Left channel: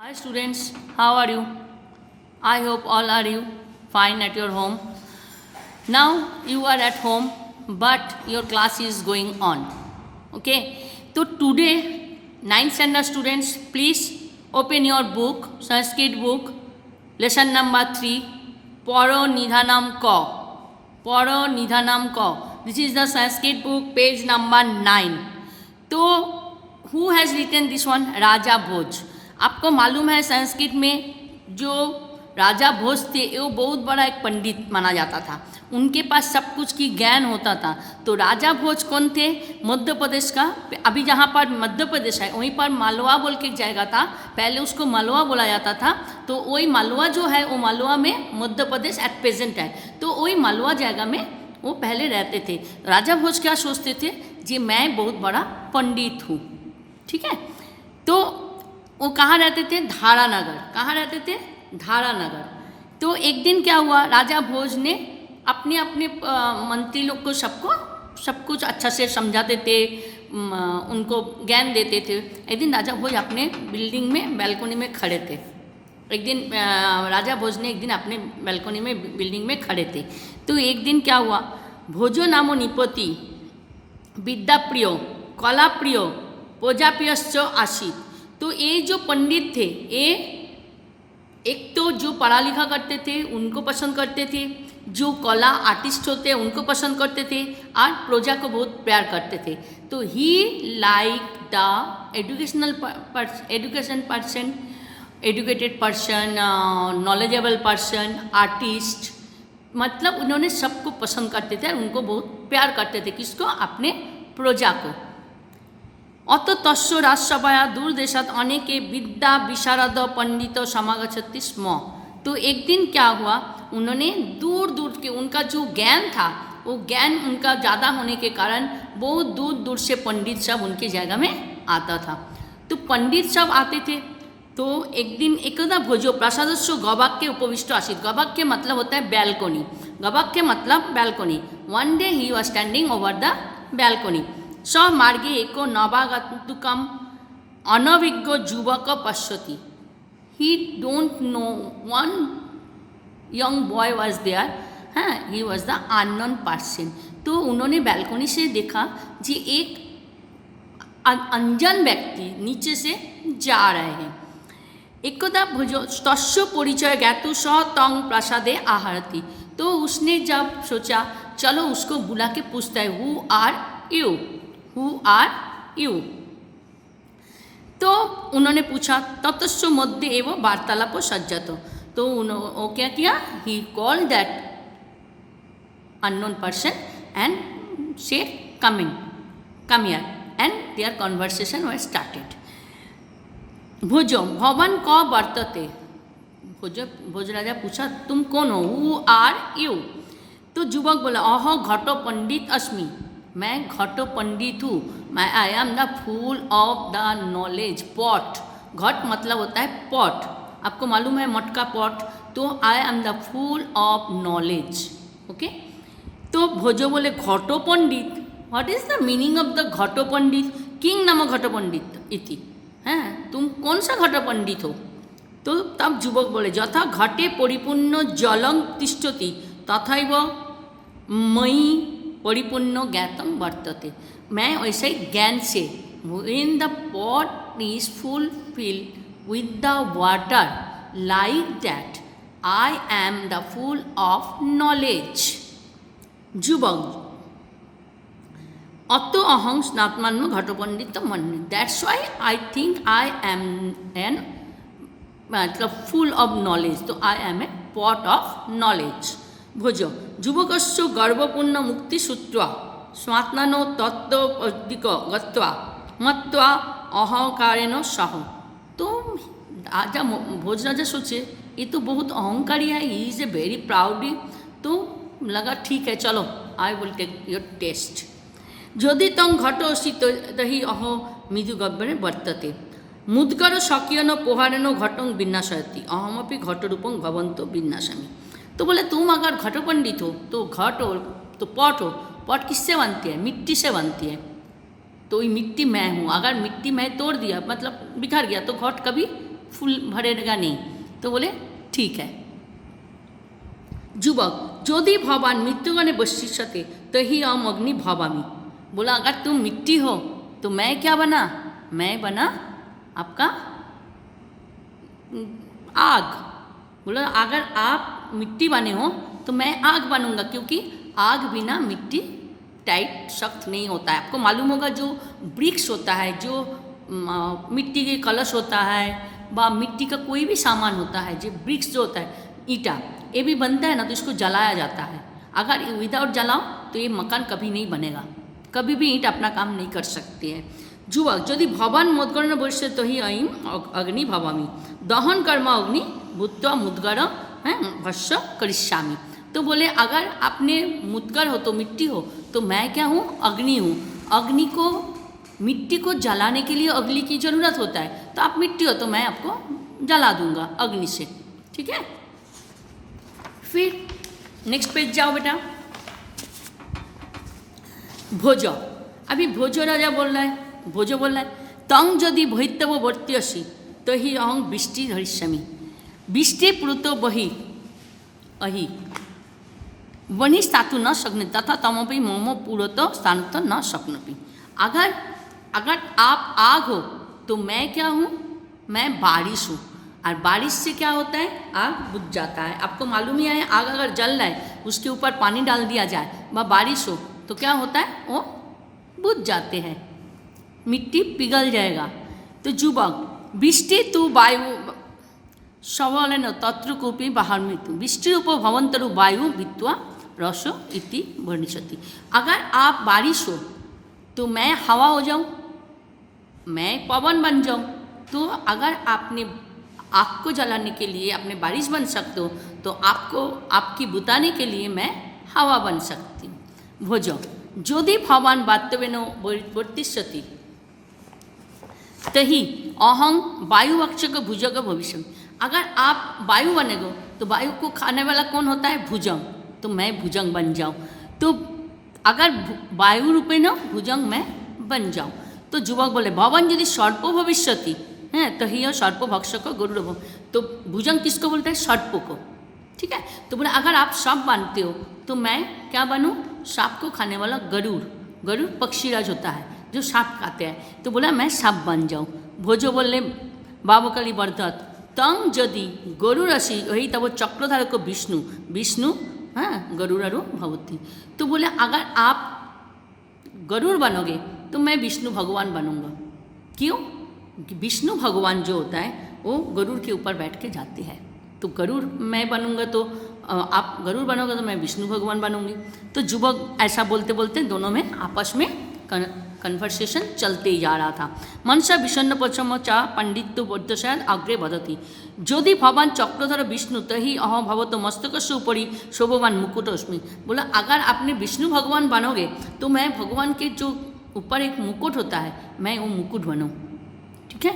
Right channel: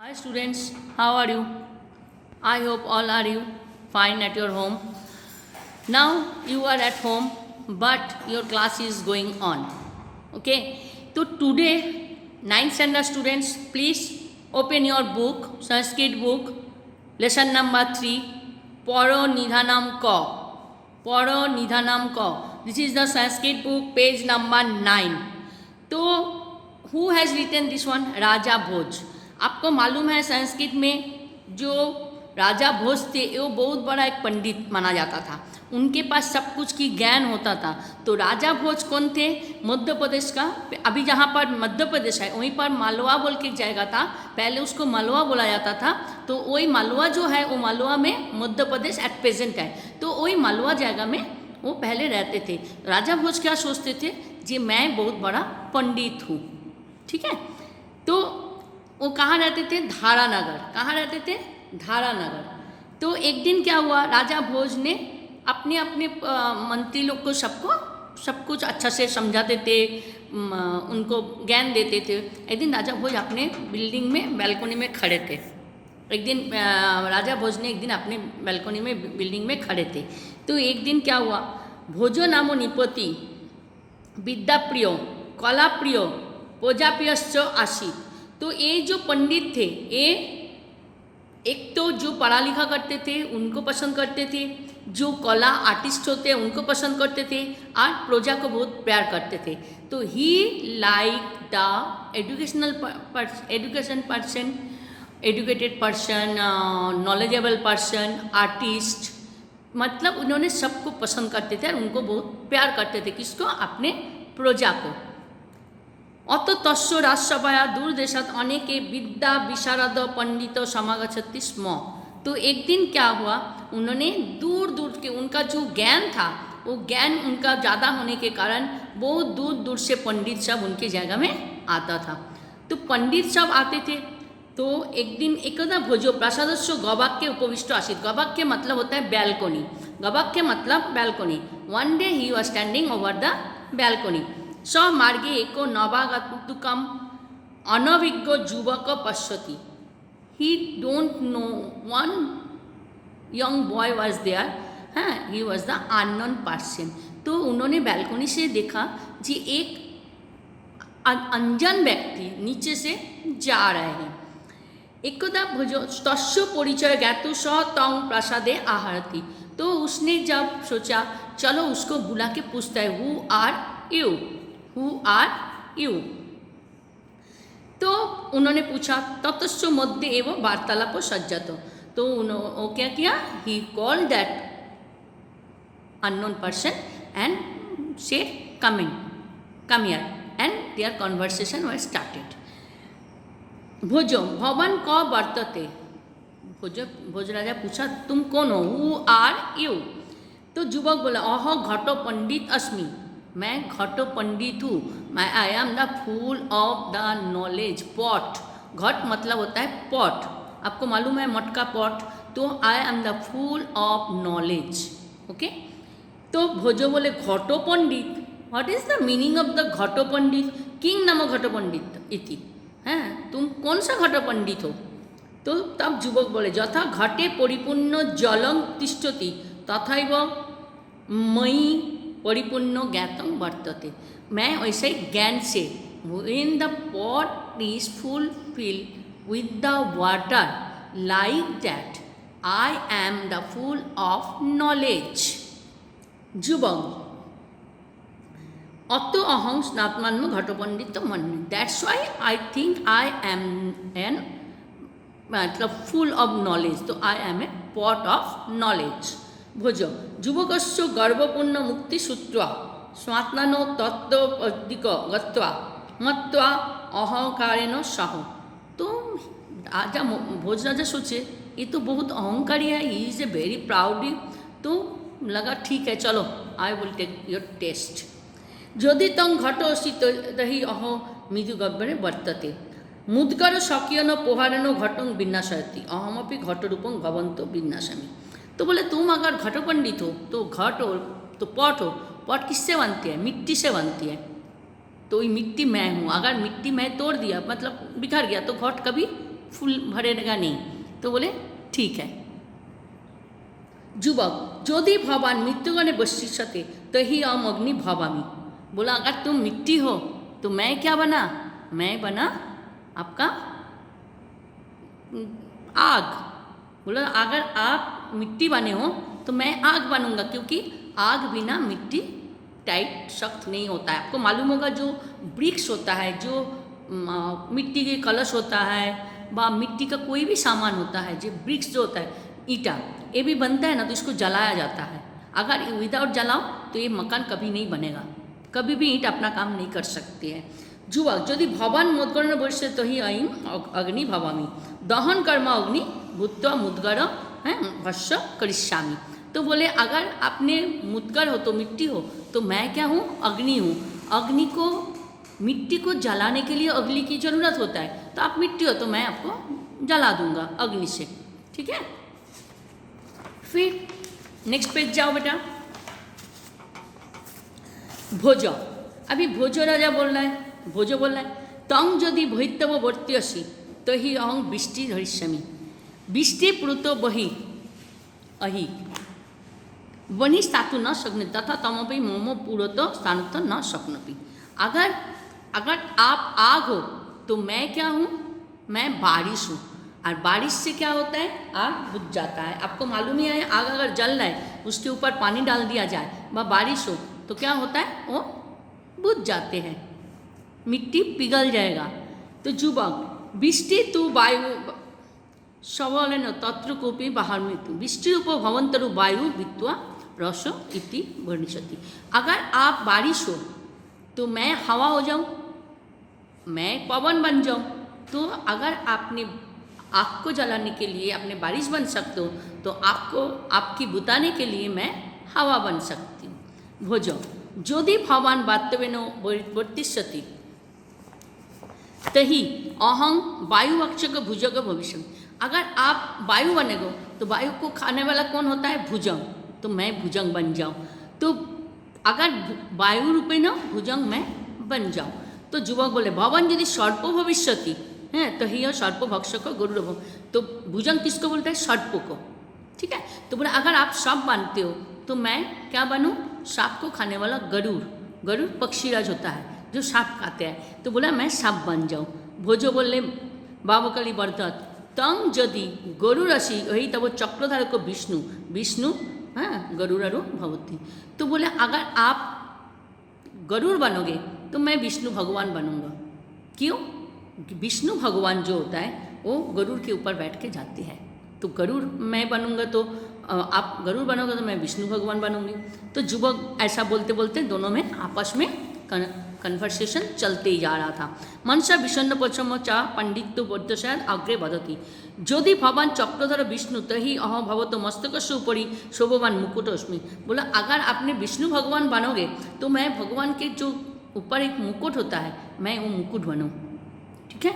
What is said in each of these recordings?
Hi students, how are you? I hope all are you fine at your home. Now you are at home but your class is going on. Okay, so today 9th standard students, please open your book, Sanskrit book, lesson number 3, Paro Nidhanam Ko. Paro Nidhanam Ko. This is the Sanskrit book, page number 9. तो who has written this one? राजा भोज. आपको मालूम है संस्कृत में जो राजा भोज थे वो बहुत बड़ा एक पंडित माना जाता था. उनके पास सब कुछ की ज्ञान होता था. तो राजा भोज कौन थे? मध्य प्रदेश का. अभी जहाँ पर मध्य प्रदेश है वहीं पर मालवा बोल के जगह था. पहले उसको मालवा बोला जाता था. तो वही मालवा जो है वो मालवा में मध्य प्रदेश एट प्रेजेंट है. तो वही मालवा जगह में वो पहले रहते थे. राजा भोज क्या सोचते थे जी मैं बहुत बड़ा पंडित हूँ. ठीक है. तो वो कहाँ रहते थे? धारानगर. कहाँ रहते थे? धारानगर. तो एक दिन क्या हुआ, राजा भोज ने अपने अपने मंत्री लोग को सबको सब कुछ अच्छा से समझाते थे, उनको ज्ञान देते थे. एक दिन राजा भोज अपने बिल्डिंग में बैल्कोनी में खड़े थे. एक दिन राजा भोज ने एक दिन अपने बैल्कोनी में बिल्डिंग में खड़े थे. तो एक दिन क्या हुआ, भोजो नामो निपति विद्याप्रिय कलाप्रिय प्रजाप्रियश्च आसीत्. तो ये जो पंडित थे ये एक तो जो पढ़ा लिखा करते थे उनको पसंद करते थे, जो कला आर्टिस्ट होते हैं उनको पसंद करते थे, और प्रजा को बहुत प्यार करते थे. तो ही like the educated person, knowledgeable person, artist. मतलब उन्होंने सबको पसंद करते थे, उनको बहुत प्यार करते थे. किसको? अपने प्रजा को. अत तस्य राजसभाया दूरदेशात अनेके विद्या विशारद पंडित समागच्छति स्म. तो एक दिन क्या हुआ, उन्होंने दूर दूर के उनका जो ज्ञान था वो ज्ञान उनका ज़्यादा होने के कारण बहुत दूर दूर से पंडित सब उनकी जगह में आता था. तो पंडित सब आते थे. तो एक दिन एकदा भोजो प्रसादस्य गवाक्य उपविष्ट आसीत्. गवाक्य मतलब होता है बैल्कोनी. गवाक्य मतलब balcony. One day he was standing over the balcony. स मार्गे एको नवागतुकम अनभिज्ञ युवक पश्यति. He don't know one young boy was there. हाँ, he was the unknown person. तो उन्होंने बैल्कोनी से देखा जी एक अनजान व्यक्ति नीचे से जा रहे हैं. एकदा भोजो तस्य परिचय ज्ञातु स तं प्रसादे आहरति. तो उसने जब सोचा चलो उसको बुला के पूछता है who are you, who are you. तो उन्होंने पूछा ततस्य मध्य एवं वार्तालाप सज्जत. तो उन्होंने क्या किया, he call that unknown person and say come here and their conversation was started. भोजो भवन क वर्तते. भोज राजा पूछा तुम कौन हो, हु आर यू. तो युवक बोला अह घटो पंडित अस्मि. मैं घटो पंडित हूँ. मैं I am the fool of the knowledge pot. घट मतलब होता है पॉट. आपको मालूम है मटका पॉट. तो I am the fool of knowledge. Okay. तो भोजो बोले घटो पंडित, what is the meaning of the घटो पंडित? किंग नाम घटो पंडित इति. हैं, तुम कौन सा घटो पंडित हो? तो तब युवक बोले यथा घटे परिपूर्ण जलम तिष्ठति तथैव मयि परिपूर्ण ज्ञातम वर्तते. मैं वैसे ज्ञान से when the pot is fulfilled with the water like that I am the full of knowledge. युवक अतो अहं स्नात्मान्म घटोपंडित मन्ये. That's why I think I am an मतलब फुल ऑफ नॉलेज. तो I am a pot of knowledge. भोजो युवकस्य गर्भपूर्ण मुक्तिसूत्र स्वात्मनो तत्त्वदिक गत्वा मत्वा अहंकारेण सह. तो राजा भोज राजा सोचे ये तो बहुत अहंकारी है, ही इज ए वेरी प्राउडी. तो लगा ठीक है चलो I will take your test. यदि तं घटोऽसि तर्हि अहो मृदुगह्वरे वर्तते मुद्गर स्वकीयन पोहारेण घटं विन्यासयति अहमपि घटरूपं भवन्तो विन्यासामि. तो बोले तुम अगर घटो पंडित हो तो घट हो तो पॉट हो. पॉट किससे बनती है? मिट्टी से बनती है. तो ये मिट्टी मैं हूँ. अगर मिट्टी मैं तोड़ दिया मतलब बिखर गया तो घट कभी फूल भरेगा नहीं। तो बोले ठीक है। युवक यदि भवान मृत्युगणे बशिष्यते तही अहम अग्नि भवामि। बोला अगर तुम मिट्टी हो तो मैं क्या बना, मैं बना आपका आग। बोला अगर आप मिट्टी बने हो तो मैं आग बनूंगा, क्योंकि आग बिना मिट्टी टाइट सख्त नहीं होता है। आपको मालूम होगा जो ब्रिक्स होता है, जो मिट्टी के कलश होता है व मिट्टी का कोई भी सामान होता है, जो ब्रिक्स जो होता है, ईटा, ये भी बनता है ना, तो इसको जलाया जाता है। अगर विदाउट जलाओ तो ये मकान कभी नहीं बनेगा, कभी भी ईंट अपना काम नहीं कर सकती है। युवक यदि भवान मुद्गरण बश्य तो ही अयम अग्नि भवामी दहन कर्म अग्नि भूत्वा मुद्गर भस्य करिष्यामि। तो बोले अगर आपने मुद्गर हो तो मिट्टी हो तो मैं क्या हूँ, अग्नि हूँ। अग्नि को, मिट्टी को जलाने के लिए अग्नि की ज़रूरत होता है, तो आप मिट्टी हो तो मैं आपको जला दूंगा अग्नि से। ठीक है, फिर नेक्स्ट पेज जाओ बेटा। भोज, अभी भोज राजा बोल रहा है, भोज बोल रहा है तंग यदि भैतव वर्त्यसि तो ही अहं वृष्टि हरिष्यामि वृष्टि पुरुतो बहि अहि वनि स्थातु न शक्ने तथा तमपि मम पुरतो स्थान न शक्नोति। अगर अगर आप आग हो तो मैं क्या हूँ, मैं बारिश हूँ। और बारिश से क्या होता है, आग बुझ जाता है। आपको मालूम ही है, आग अगर जल रहा है उसके ऊपर पानी डाल दिया जाए व बारिश हो तो क्या होता है, वो बुझ जाते हैं, मिट्टी पिघल जाएगा। तो युवक वृष्टि तु वायु सबलेन तत्र कोपी बाहर मृत्यु वृष्टि उप भवंतरु वायु वित्वा रस इति वर्णिष्यति। अगर आप बारिश हो तो मैं हवा हो जाऊं, मैं पवन बन जाऊं। तो अगर आपने आग को जलाने के लिए आपने बारिश बन सकते हो तो आपको आपकी बुताने के लिए मैं हवा बन सकती हूँ। भोज यदि भवान वास्तवेन वर्तिष्यति तही अहं वायुवक्षक भुजग भविष्य। अगर आप वायु बनेगो तो वायु को खाने वाला कौन होता है, भुजंग, तो मैं भुजंग बन जाऊँ। तो अगर वायु रूपे न भुजंग मैं बन जाऊँ। तो युवक बोले भवन यदि सर्प भविष्यति है तो ही सर्प भक्षक गरुड़। तो भुजंग किसको बोलता है, सर्प को। ठीक है, तो बोले अगर आप सांप मानते हो तो मैं क्या बनूँ, सांप को खाने वाला गरुड़। गरुड़ पक्षीराज होता है जो सांप खाते हैं, तो बोला मैं सांप बन जाऊँ। भोजो बोले बाबकली वर्धत तंग यदि गरुड़सी वही तब चक्रधार को विष्णु विष्णु हाँ गरुड़ारो भवती। तो बोले अगर आप गरुड़ बनोगे तो मैं विष्णु भगवान बनूंगा। क्यों, विष्णु भगवान जो होता है वो गरुड़ के ऊपर बैठ के जाते हैं। तो गरुड़ मैं बनूंगा तो आप गरुड़ बनोगे तो मैं विष्णु भगवान बनूंगी। तो युवक ऐसा बोलते बोलते दोनों में आपस में कन्वर्सेशन चलते ही जा रहा था। मनसा विषण्ण पचम चा पंडित बोधशायद अग्रे बदती यदि भवान चक्रधर विष्णु तही अह भवत मस्तक से ऊपरी शोभवान मुकुटस्मि। बोला अगर आपने विष्णु भगवान बनोगे तो मैं भगवान के जो ऊपर एक मुकुट होता है मैं वो मुकुट बनूँ। ठीक है,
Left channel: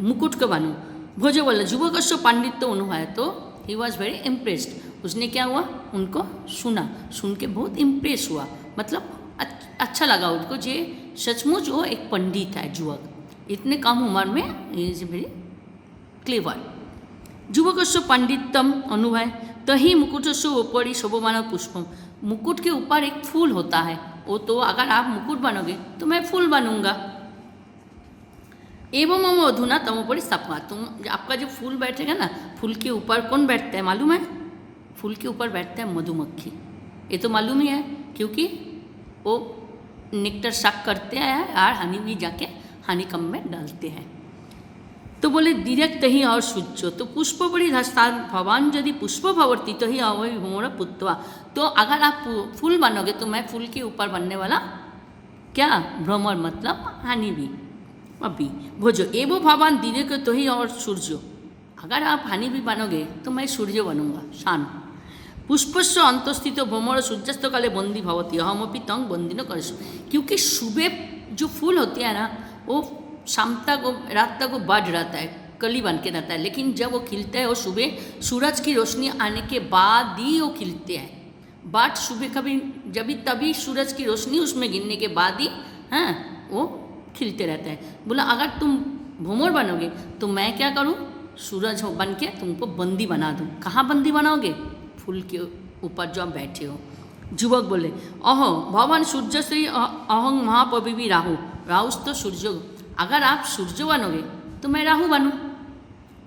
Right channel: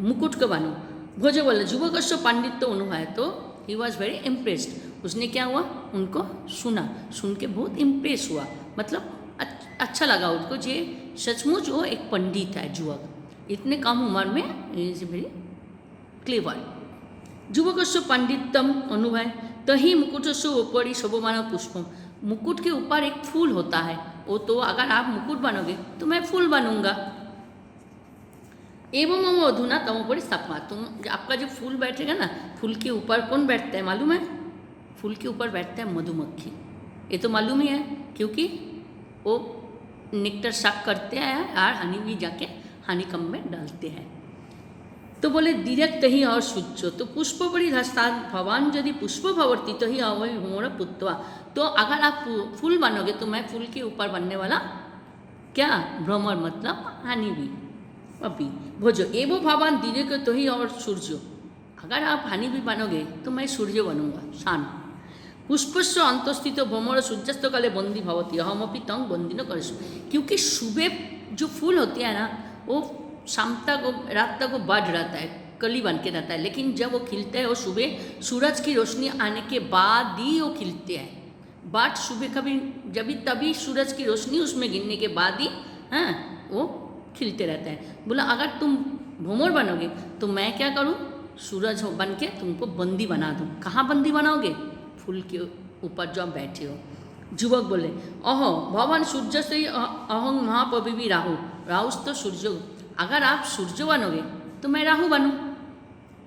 मुकुट को बनूँ। भोजे बोले युवक पांडित्य अनुभव, तो ही वॉज वेरी इम्प्रेस्ड। उसने क्या हुआ, उनको सुना, सुन के बहुत इम्प्रेस हुआ, मतलब अच्छा लगा उसको। जे सचमुच वो एक पंडित है युवक, इतने कम उम्र में इज वेरी क्लेवर। युवक पंडितम अनुभव तही मुकुट से ऊपरी शोभमान पुष्पम। मुकुट के ऊपर एक फूल होता है, वो तो अगर आप मुकुट बनोगे तो मैं फूल बनूंगा। एवं मम अधुना तम ऊपर स्थापना। तुम आपका जो फूल बैठेगा ना, फूल के ऊपर कौन बैठता है मालूम है, फूल के ऊपर बैठता है मधुमक्खी। ये तो मालूम ही है क्योंकि वो नेक्टर साक करते हैं और हनी भी जाके हनीकम में डालते हैं। तो बोले डायरेक्ट ही और सूर्य। तो पुष्प बड़ी धस्तान भवान यदि पुष्प भवती तो ही अवय भ्रमण पुत्वा। तो अगर आप फूल बनोगे तो मैं फूल के ऊपर बनने वाला क्या, भ्रमर मतलब हनी भी। अभी भोजो एवं भगवान दिने को तो ही और सूर्य। अगर आप हनी भी बनोगे तो मैं सूर्य बनूंगा, शान। पुष्पस्व अंतस्थित भ्रमर सूर्यास्त काले बंदी भवती अहमपि तंग बंदी न कर। क्योंकि सुबह जो फूल होते हैं ना वो शाम तक रात तक वो बढ़ रहता है, कली बन के रहता है, लेकिन जब वो खिलते हैं वो सुबह सूरज की रोशनी आने के बाद ही वो खिलते हैं। बट सुबह कभी जब तभी सूरज की रोशनी उसमें गिरने के बाद ही वो खिलते रहते हैं। बोला अगर तुम भ्रमर बनोगे तो मैं क्या करूँ, सूरज हो बन के तुमको बंदी बना दूँ। कहाँ बंदी बनाओगे? फूल के ऊपर जो आप बैठे हो। युवक बोले, अहो भवन सूर्य से ही अहं महापविवी राहु, राहुस तो सूर्य। अगर आप सूर्य बनोगे तो मैं राहु बनूँ,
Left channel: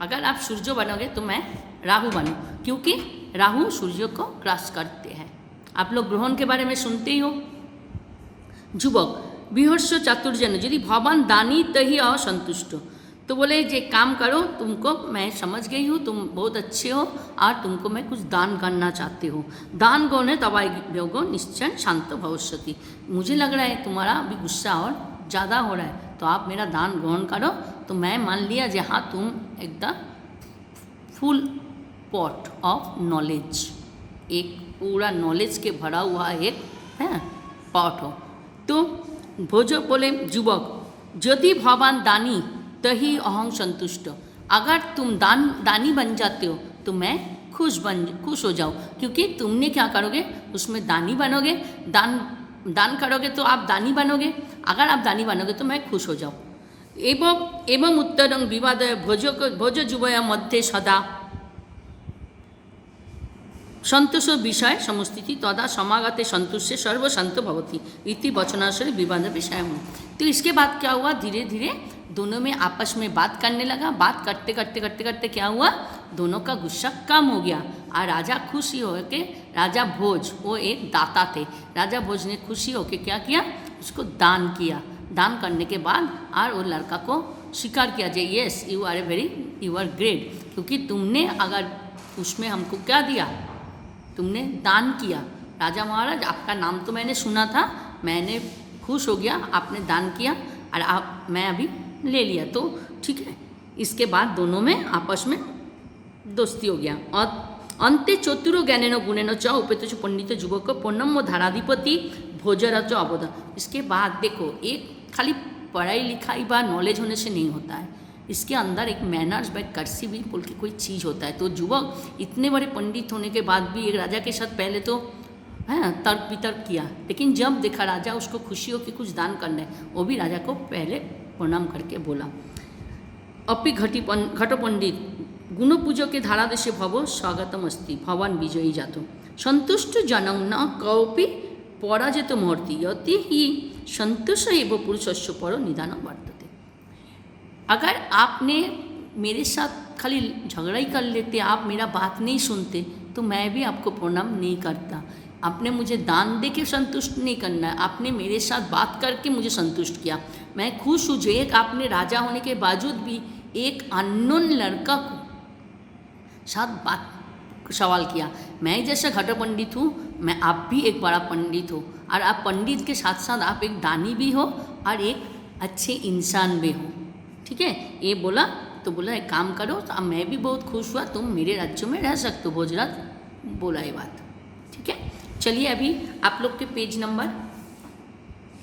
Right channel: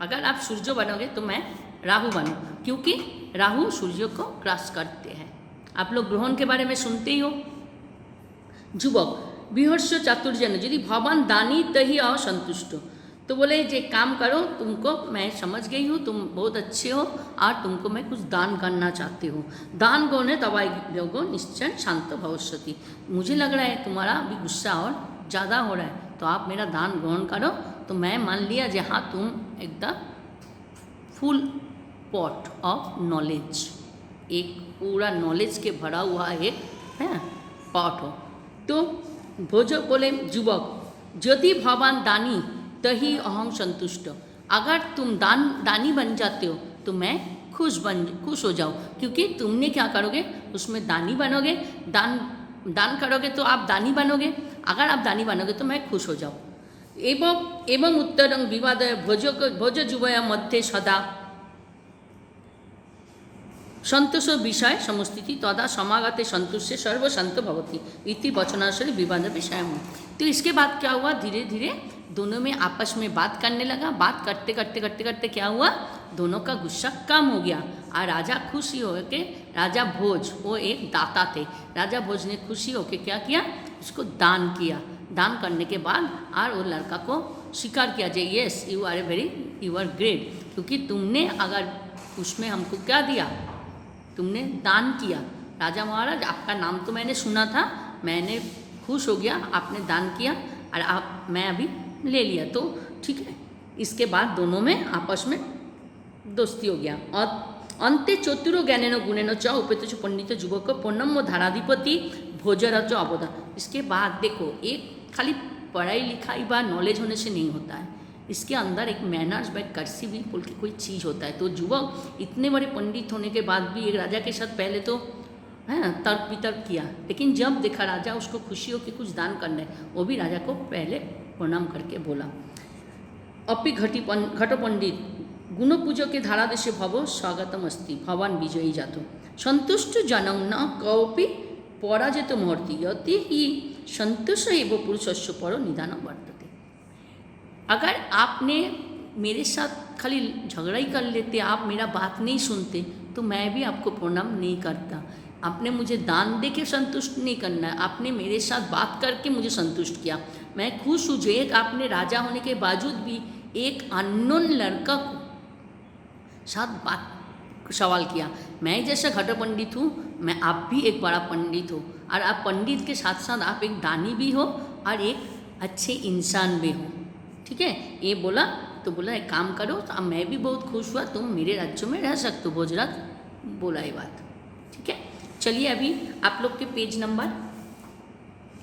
अगर आप सूर्य बनोगे तो मैं राहु बनूँ, क्योंकि राहु सूर्य को क्रॉस करते हैं। आप लोग ग्रहण के बारे में सुनते ही हो। युवक, विहर्ष चातुर्जन यदि भगवान दानी तही असंतुष्ट। तो बोले जे काम करो, तुमको मैं समझ गई हूँ, तुम बहुत अच्छे हो और तुमको मैं कुछ दान करना चाहती हूँ। दान गौने तवाई योगो निश्चय शांत भविष्यति। मुझे लग रहा है तुम्हारा अभी गुस्सा और ज़्यादा हो रहा है, तो आप मेरा दान ग्रहण करो। तो मैं मान लिया जहाँ तुम एकदम फुल पॉट ऑफ नॉलेज, एक पूरा नॉलेज के भरा हुआ एक है पॉट हो। तो भोजो बोले, युवक यदि भगवान दानी तही अहं संतुष्ट। अगर तुम दानी बन जाते हो तो मैं खुश हो जाओ, क्योंकि तुमने क्या करोगे उसमें दानी बनोगे, दान करोगे तो आप दानी बनोगे। अगर आप दानी बनोगे तो मैं खुश हो जाऊँ। एवं उत्तरं विवाद भोज जुवया मध्य सदा संतोष विषय समस्थिति तदा समागते संतुष्य सर्वसंत भवती इति वचनाशय विवाद विषय हूँ। तो इसके बाद क्या हुआ, धीरे धीरे दोनों में आपस में बात करने लगा। बात करते करते करते करते क्या हुआ, दोनों का गुस्सा कम हो गया और राजा खुशी हो के, राजा भोज वो एक दाता थे, राजा भोज ने खुशी हो के क्या किया, उसको दान किया। दान करने के बाद और वो लड़का को स्वीकार किया जे यस यू आर ग्रेट, क्योंकि तुमने अगर उसमें हमको क्या दिया, तुमने दान किया। राजा महाराज आपका नाम तो मैंने सुना था, मैंने खुश हो गया, आपने दान किया और मैं अभी ले लिया, तो ठीक है। इसके बाद दोनों में आपस में दोस्ती हो गया। और अंते चतुरो ज्ञानेन गुणेन च उपेत पंडित युवक पूर्णम धाराधिपति भोजराज अवदा। इसके बाद देखो, एक खाली पढ़ाई लिखाई व नॉलेज होने से नहीं होता है, इसके अंदर एक मैनर्स बाय कर्सी भी बोल के कोई चीज़ होता है। तो युवक इतने बड़े पंडित होने के बाद भी एक राजा के साथ पहले तो है तर्क वितर्क किया, लेकिन जब देखा राजा उसको खुशी हो कि कुछ दान करना है, वो भी राजा को पहले प्रणाम करके बोला। अपि घट पंडित गुण पूजो के धारा देशे भव स्वागतम अस्ति भगवान विजयी जातो संतुष्ट जनम न कौपि पराजित मूर्ति यति ही संतोष एवं पुरुषस्य पर निदान वर्तते। अगर आपने मेरे साथ खाली झगड़ा ही कर लेते, आप मेरा बात नहीं सुनते, तो मैं भी आपको प्रणाम नहीं करता। आपने मुझे दान दे के संतुष्ट नहीं करना है, आपने मेरे साथ बात करके मुझे संतुष्ट किया, मैं खुश हूँ। जो एक आपने राजा होने के बावजूद भी एक अननोन लड़का को साथ बात सवाल किया। मैं जैसा घट पंडित हूँ, मैं आप भी एक बड़ा पंडित हो, और आप पंडित के साथ साथ आप एक दानी भी हो और एक अच्छे इंसान भी हो, ठीक है। ये बोला तो बोला एक काम करो, तो अब मैं भी बहुत खुश हुआ, तुम मेरे राज्य में रह सकते हो। भोजराज बोला ये बात, ठीक है। चलिए अभी आप लोग के पेज नंबर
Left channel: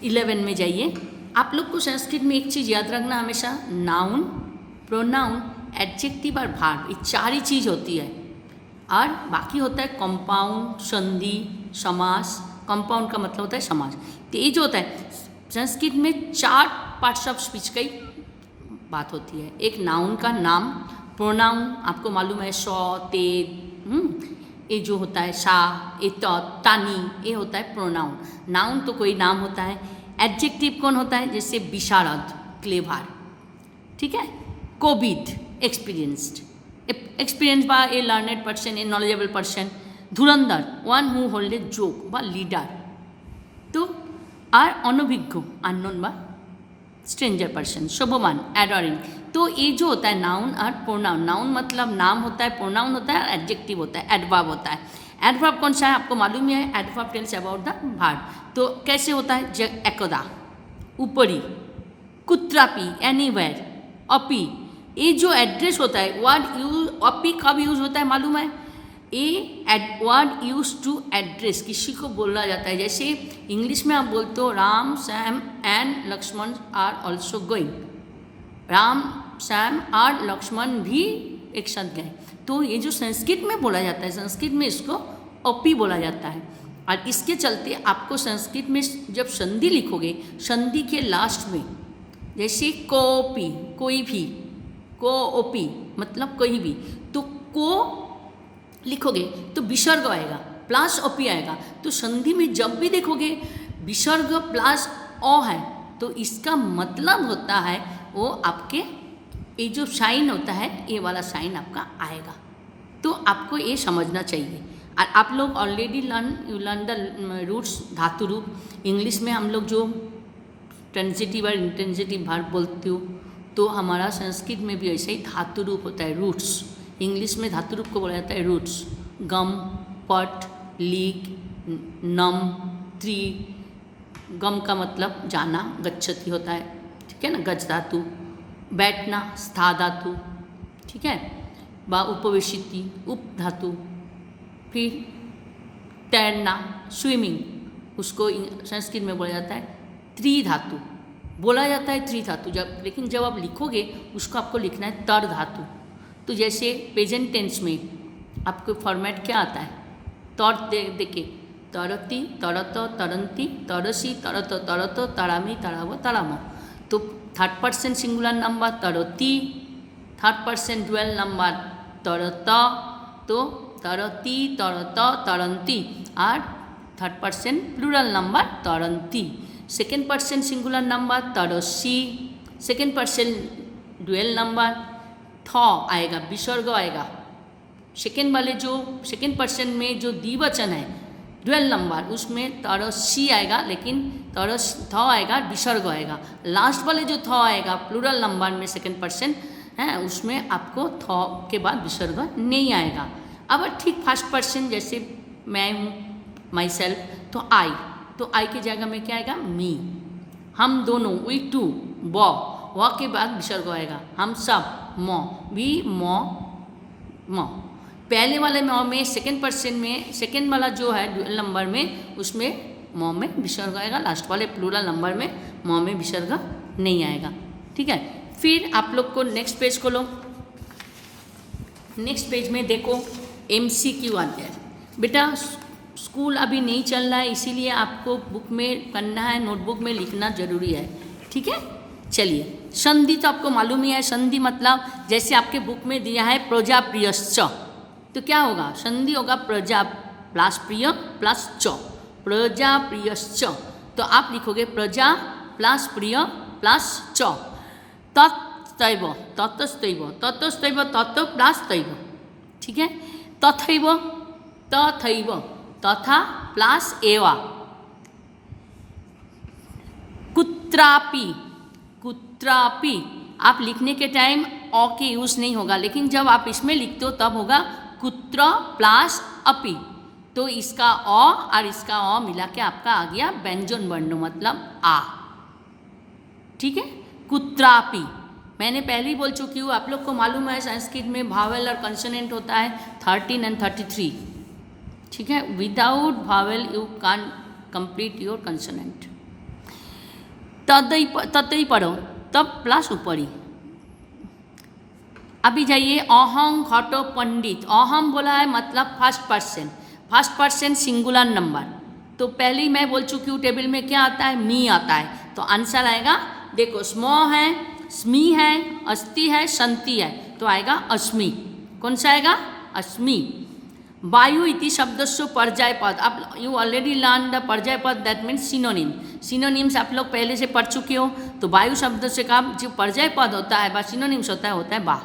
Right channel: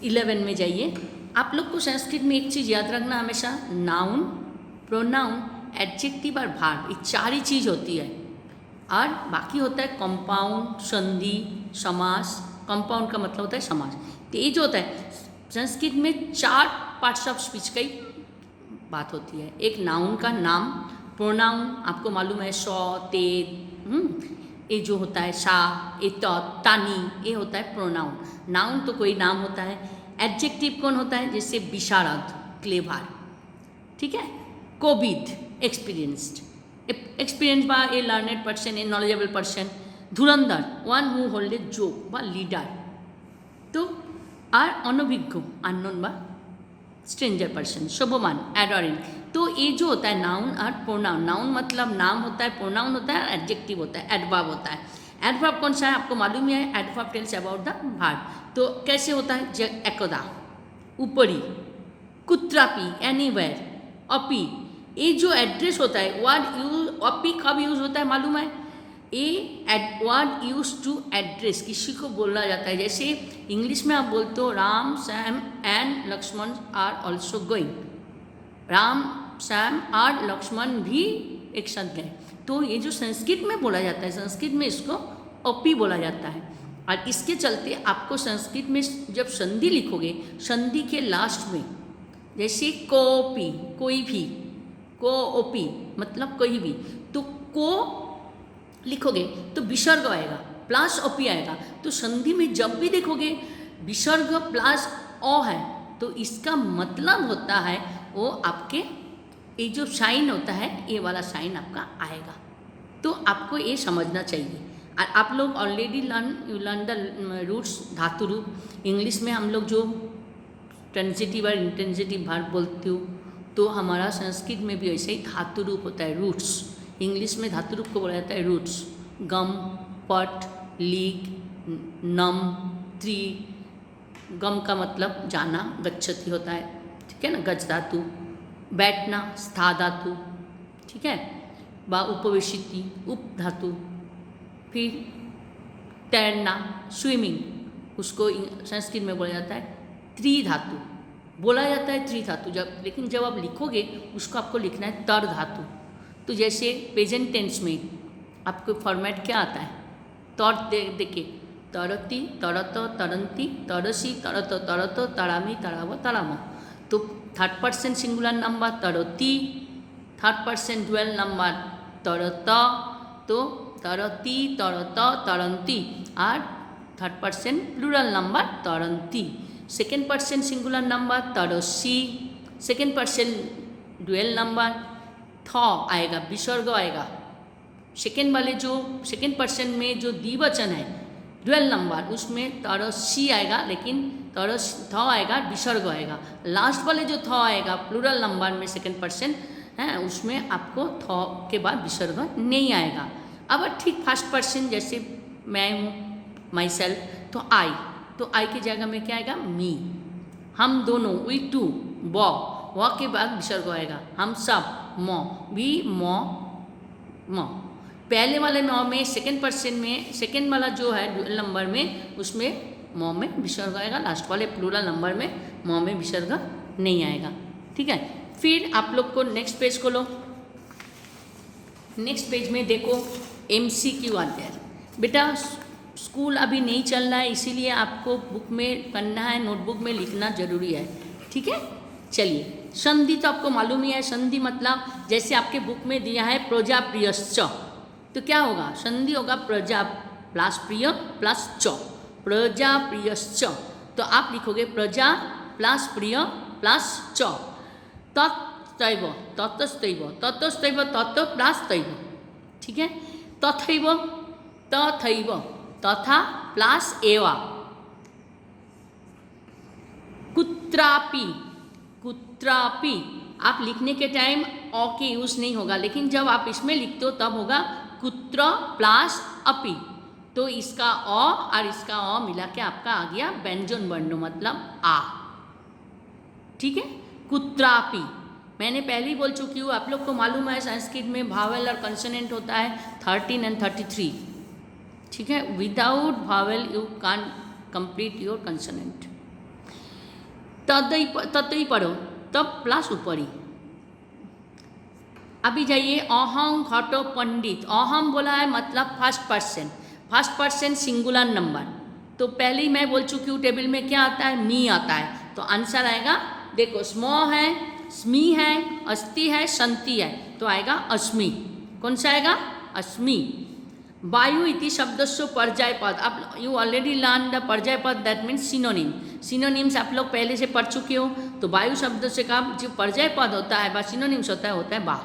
11 में जाइए। आप लोग को संस्कृत में एक चीज़ याद रखना हमेशा, नाउन, प्रोनाउन, एडजेक्टिव और भार्ब, ये चार ही चीज़ होती है, और बाकी होता है कंपाउंड, संधि, समास। कंपाउंड का मतलब होता है समास। तो ये जो होता है संस्कृत में 4 पार्ट्स ऑफ स्पीच का ही बात होती है। एक नाउन का नाम, प्रोनाउन आपको मालूम है सौ, ते, ये जो होता है सा, ए, तानी, ये होता है प्रोनाउन। नाउन तो कोई नाम होता है। एडजेक्टिव कौन होता है, जैसे विशारद, क्लेवर, ठीक है। कोविड, एक्सपीरियंस्ड, एक्सपीरियंस बा a learned person, a knowledgeable person. धुरंधर, one who hold a yoke बा लीडर। तो আর অনভিজ্ঞ, अननोन बा स्ट्रेंजर पर्सन। शोभमान, एडोरिंग। तो ये जो होता है नाउन और प्रोनाउन, नाउन मतलब नाम होता है, प्रोनाउन होता है, एडजेक्टिव होता है, एडवर्ब होता है। एडवर्ब कौन सा है आपको मालूम है, adverb tells about the verb. तो कैसे होता है, एकदा, ऊपरी, कुत्रापि, एनीवेयर, अपी। ये जो एड्रेस होता है, वर्ड यूज, अपी कब यूज होता है मालूम है, ये वर्ड यूज टू एड्रेस, किसी को बोला जाता है। जैसे इंग्लिश में आप बोलते हो Ram, Sam and Lakshman are also going, Ram, Sam और लक्ष्मण भी एक साथ गए। तो ये जो संस्कृत में बोला जाता है, संस्कृत में इसको अपी बोला जाता है। और इसके चलते आपको संस्कृत में जब संधि लिखोगे, संधि के लास्ट में जैसे कोपी, कोई भी, को ओपी मतलब कोई भी, तो को लिखोगे तो विसर्ग आएगा प्लस ओपी आएगा। तो संधि में जब भी देखोगे विसर्ग प्लस ओ है तो इसका मतलब होता है वो आपके ये जो साइन होता है ये वाला साइन आपका आएगा। तो आपको ये समझना चाहिए। और आप लोग ऑलरेडी लर्न द रूट्स धातु रूप। इंग्लिश में हम लोग जो ट्रांजिटिव और इंट्रांजिटिव वर्ब बोलते हो तो हमारा संस्कृत में भी ऐसे ही धातु रूप होता है रूट्स। इंग्लिश में धातु रूप को बोला जाता है रूट्स। गम, पट, लीक, नम, त्रि। गम का मतलब जाना, गच्छति होता है, ठीक है ना, गज धातु। बैठना, स्था धातु, ठीक है, बा उपवेशिति, उप धातु। फिर तैरना, स्विमिंग, उसको संस्कृत में बोला जाता है त्रिधातु, बोला जाता है त्रिधातु। लेकिन जब आप लिखोगे उसको आपको लिखना है तर धातु। तो जैसे प्रेजेंट टेंस में आपको फॉर्मेट क्या आता है, तर देखिए, तरती, तरत, तरंती, तरसी, तरत, तरतो, तरामी, तरावो, तरामो। तो थर्ड पर्सन सिंगुलर नंबर तरती, थर्ड पर्सन ड्यूअल नंबर तरत, तो तरती, तरत, तरंती। और थर्ड पर्सन प्लूरल नंबर तरंती। सेकेंड पर्सन सिंगुलर नंबर तरसी, सेकेंड पर्सन ड्यूअल नंबर थ आएगा, विसर्ग आएगा। सेकेंड वाले जो सेकेंड पर्सन में जो द्विवचन है ड्यूअल नंबर उसमें तरसी आएगा, लेकिन तरस थ आएगा, विसर्ग आएगा। लास्ट वाले जो थ आएगा प्लूरल नंबर में सेकेंड पर्सन है उसमें आपको थ के बाद विसर्ग नहीं आएगा। अब ठीक फर्स्ट पर्सन जैसे मैं हूँ, माई सेल्फ, तो आई, तो आई की जगह में क्या आएगा, मी। हम दोनों, वी टू, व के बाद विसर्ग आएगा। हम सब, मो, वी मो, मो। पहले वाले मो में सेकेंड पर्सन में सेकेंड वाला जो है ड्यूअल नंबर में उसमें मो में विसर्ग आएगा। लास्ट वाले प्लूरल नंबर में मो में विसर्ग नहीं आएगा, ठीक है। फिर आप लोग को नेक्स्ट पेज खोलो। नेक्स्ट पेज में देखो MCQ आते हैं। बेटा स्कूल अभी नहीं चल रहा है इसीलिए आपको बुक में करना है, नोटबुक में लिखना जरूरी है, ठीक है। चलिए, संधि तो आपको मालूम ही है। संधि मतलब जैसे आपके बुक में दिया है प्रजाप्रियश्च, तो क्या होगा, संधि होगा प्रजा प्लस प्रिय प्लस च, प्रजाप्रियश्च। तो आप लिखोगे प्रजा प्लस प्रिय प्लस च। तत्तैव, ततस्तैव, ततस्तैव, तत् प्लस तैव, ठीक है। तथैव, तथैव, तथा प्लस एवा। कुत्रापि, कुत्रापि आप लिखने के टाइम अ के यूज़ नहीं होगा, लेकिन जब आप इसमें लिखते हो तब होगा कुत्र प्लस अपि। तो इसका अ और इसका अ मिला के आपका आ गया व्यंजन वर्ण, मतलब आ, ठीक है। कुत्रापि मैंने पहले ही बोल चुकी हूँ, आप लोग को मालूम है संस्कृत में भावेल और कंसोनेंट होता है 13 and 33, ठीक है। Without vowel you can complete your consonant. ततई पढ़ो, तब प्लस ऊपरी। अभी जाइए अहम घटो पंडित। अहम बोला है मतलब first person, first person singular number. तो पहले ही मैं बोल चुकी हूँ टेबल में क्या आता है, मी आता है। तो आंसर आएगा, देखो स्मो है, स्मी है, अस्ति है, संति है, तो आएगा अस्मि। कौन सा आएगा, अस्मि। वायु इति शब्दस्व पर्याय पद। आप यू ऑलरेडी लर्न द पर्याय पद, दैट मीन्स सिनोनिम। सिनोनिम्स आप लोग पहले से पढ़ चुके हो। तो वायु शब्द से का जो पर्याय पद होता है, सिनोनिम्स होता है बा,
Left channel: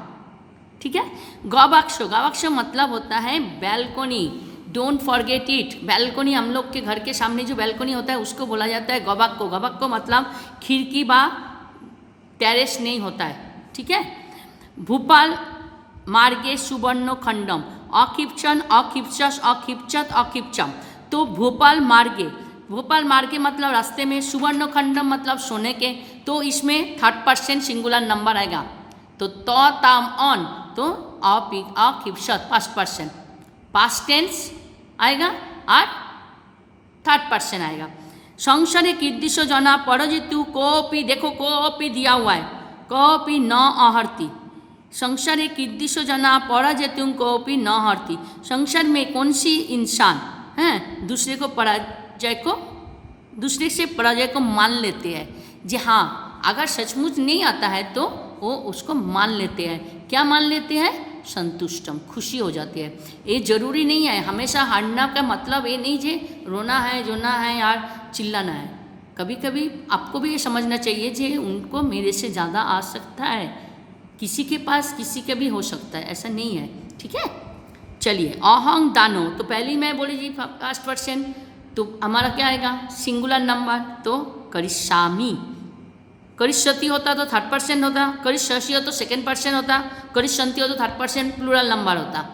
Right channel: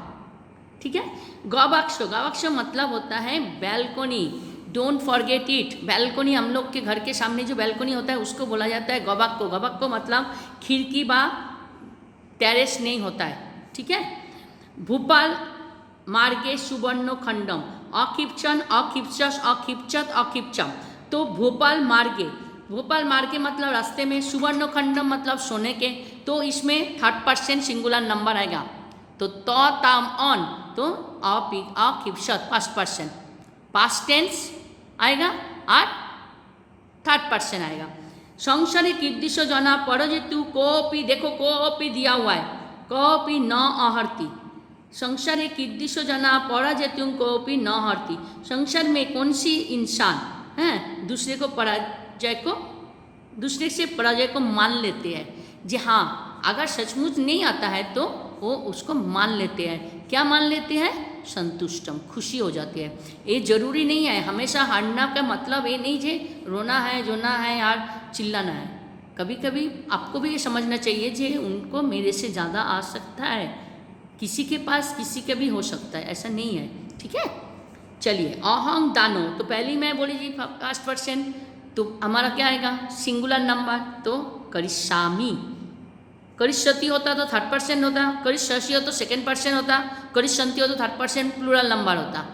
ठीक है। गवाक्ष, गवाक्ष मतलब होता है balcony. Don't forget it. Balcony, हम लोग के घर के सामने जो बैल्कोनी होता है उसको बोला जाता है गवाक्को। गवाक्को मतलब खिड़की बा टेरेस नहीं होता है, ठीक है। भोपाल मार्गे सुवर्ण खंडम। अखिप्चन, अखिप्चस, अखिप्चत, अखिप्चम। तो भोपाल मार्गे, भोपाल मार्गे मतलब रास्ते में, सुवर्ण खंडम मतलब सोने के। तो इसमें थर्ड पर्सन सिंगुलर नंबर आएगा। तो ताम ऑन, तो अखिप्चत फर्स्ट पर्सन, पास्ट टेंस आएगा और थर्ड पर्सन आएगा। संसारे कीदृश जना परजितु कोपी, देखो कोपी दिया हुआ है, कोपी न आहर्ति। संसारे कीदृश जना पराजितु कोपी न हरती। संसार में कौन सी इंसान हैं दूसरे से पराजय को मान लेते हैं। जी हाँ, अगर सचमुच नहीं आता है तो वो उसको मान लेते हैं। क्या मान लेते हैं? संतुष्टम, खुशी हो जाती है। ये जरूरी नहीं है हमेशा हारना का मतलब ये नहीं जे रोना है, जोना है यार, चिल्लाना है। कभी कभी आपको भी ये समझना चाहिए कि उनको मेरे से ज़्यादा आ सकता है, किसी के पास किसी के भी हो सकता है, ऐसा नहीं है। ठीक है, चलिए अहं दानो, तो पहली मैं बोली जी फर्स्ट पर्सन, तो हमारा क्या आएगा? सिंगुलर नंबर, तो करिष्यामि। करिष्यति होता तो थर्ड पर्सन होता, करिष्यसि हो तो सेकेंड पर्सन होता, करिष्यन्ति हो तो थर्ड पर्सन प्लूरल नंबर होता।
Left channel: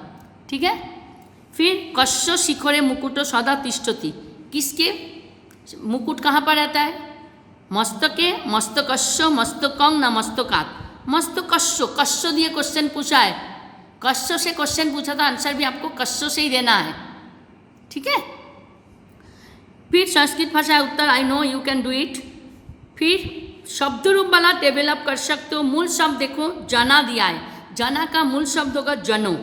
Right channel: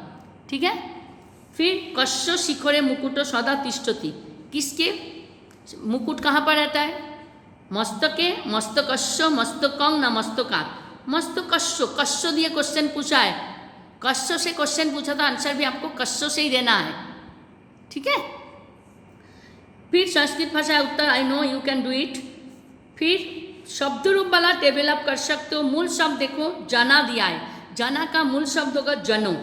ठीक है, फिर कस्य शिखरे मुकुटो सदा तिष्ठति, किसके मुकुट कहाँ पर रहता है? मस्तके, मस्तकस्य, मस्तकं न मस्तकात्। मस्तकस्य, कस्य दिए क्वेश्चन पूछा है, कस्य से क्वेश्चन पूछा था, आंसर भी आपको कस्य से ही देना है। ठीक है, फिर संस्कृत भाषा उत्तर, I know you can do it. फिर शब्द रूप वाला डेवलप कर सकते हो। मूल शब्द देखो, जना दिया है, जना का मूल शब्द होगा जनो।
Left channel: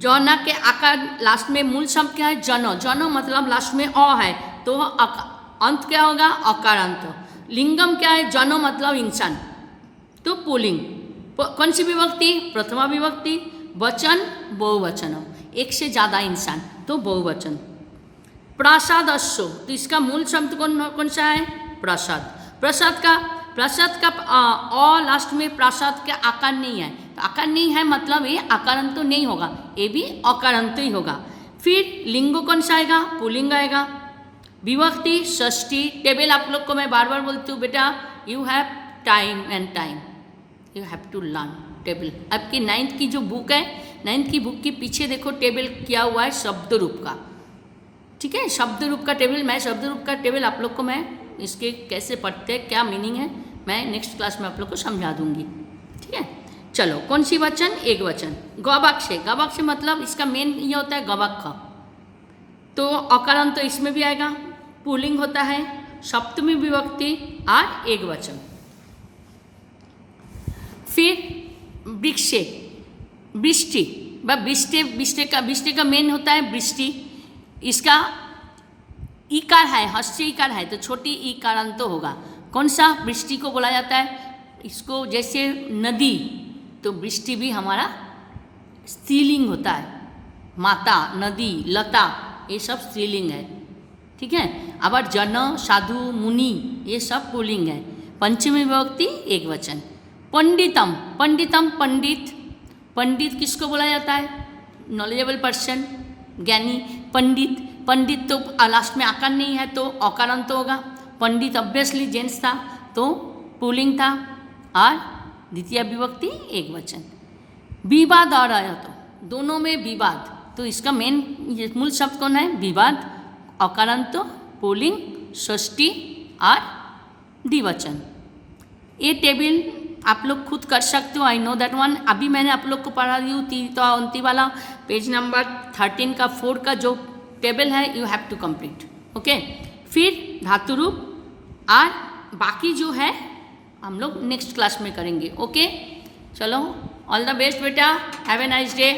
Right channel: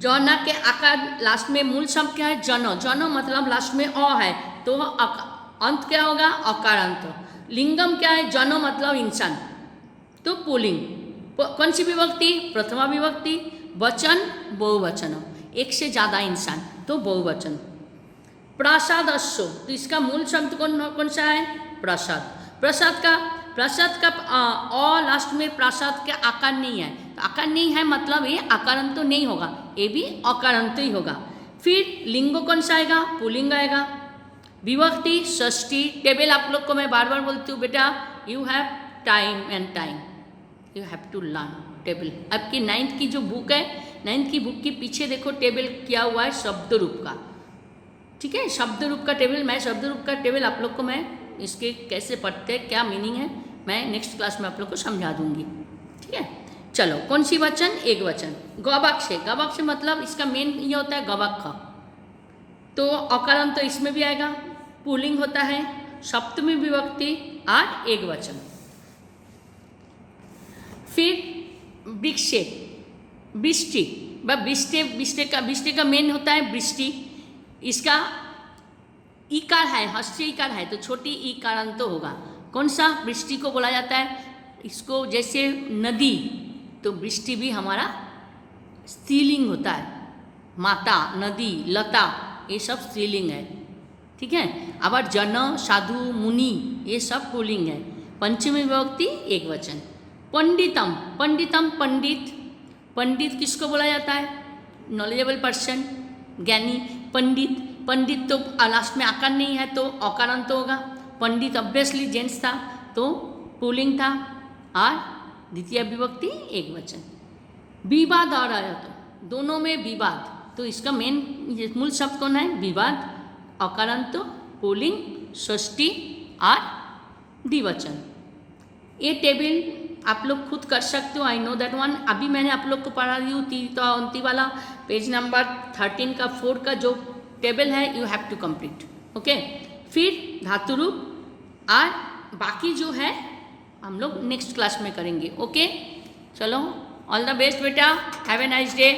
जना के आकार लास्ट में मूल शब्द क्या है? जनो। जनो मतलब लास्ट में अ है, तो अंत क्या होगा? अकारांत। लिंगम क्या है? जनो मतलब इंसान, तो पुल्लिंग। कौन सी विभक्ति? प्रथमा विभक्ति। वचन बहुवचनम, एक से ज़्यादा इंसान, तो बहुवचन। प्रासादस्य, तो इसका मूल शब्द कौन सा है? प्रसाद। प्रसाद का अ लास्ट में प्रसाद का आकार नहीं है, तो आकार नहीं है मतलब ये आकारांत तो नहीं होगा, ये भी अकारांत ही होगा। फिर लिंग कौन सा आएगा? पुल्लिंग आएगा। विभक्ति षष्ठी। टेबल आप लोग को मैं बार बार बोलती हूँ बेटा, you have time and time, you have to learn table. आपकी 9th की जो बुक है, 9th की बुक के पीछे देखो टेबल किया हुआ है शब्द रूप का। ठीक है, शब्द रूप का टेबल, मैं शब्द रूप का टेबल आप लोग को मैं इसके कैसे पढ़ते हैं, क्या मीनिंग है, मैं नेक्स्ट क्लास में आप लोग को समझा दूंगी। ठीक है, चलो कौन सी वचन? एक वचन। गवाक्ष, गवाक्ष मतलब इसका मेन ये होता है गवाक्ष, तो अकारांत तो इसमें भी आएगा। पुल्लिंग होता है, सप्तमी विभक्ति और एक वचन। फिर वृक्षे, वृष्टि, वृष्टि का मेन होता है वृष्टि। इसका ईकार है, हस्ती ईकार है, तो छोटी ईकारांत तो होगा। कौन सा? वृष्टि को बोला जाता है। इसको जैसे नदी, तो वृष्टि भी हमारा स्त्रीलिंग होता है। माता, नदी, लता, ये सब स्त्रीलिंग है। ठीक है, अब जन, साधु, मुनि, ये सब पुल्लिंग है। पंचमी विभक्ति एक वचन। पंडितम, पंडितम पंडित, पंडित किसको बोला जाता है? नॉलेजेबल पर्सन, ज्ञानी। पंडित, पंडित तो लास्ट में आकार नहीं है, तो अकारांत तो होगा। पंडित ऑब्वियसली जेंट्स था, तो पुल्लिंग था, और द्वितीय विभक्ति एक वचन। विवाद आ रहा है, तो दोनों में विवाद, तो इसका मेन मूल शब्द कौन है? विवाद। अकारांत, पुल्लिंग, षष्ठी और द्विवचन। ये टेबल आप लोग खुद कर सकते हो, आई नो दैट वन। अभी मैंने आप लोग को पढ़ा दी हूँ 3 वाला पेज नंबर 13 का 4 का जो टेबल है, you have to complete. Okay, फिर धातु रूप और बाकी जो है हम लोग नेक्स्ट क्लास में करेंगे। ओके, चलो, ऑल द बेस्ट बेटा, हैव ए नाइस डे।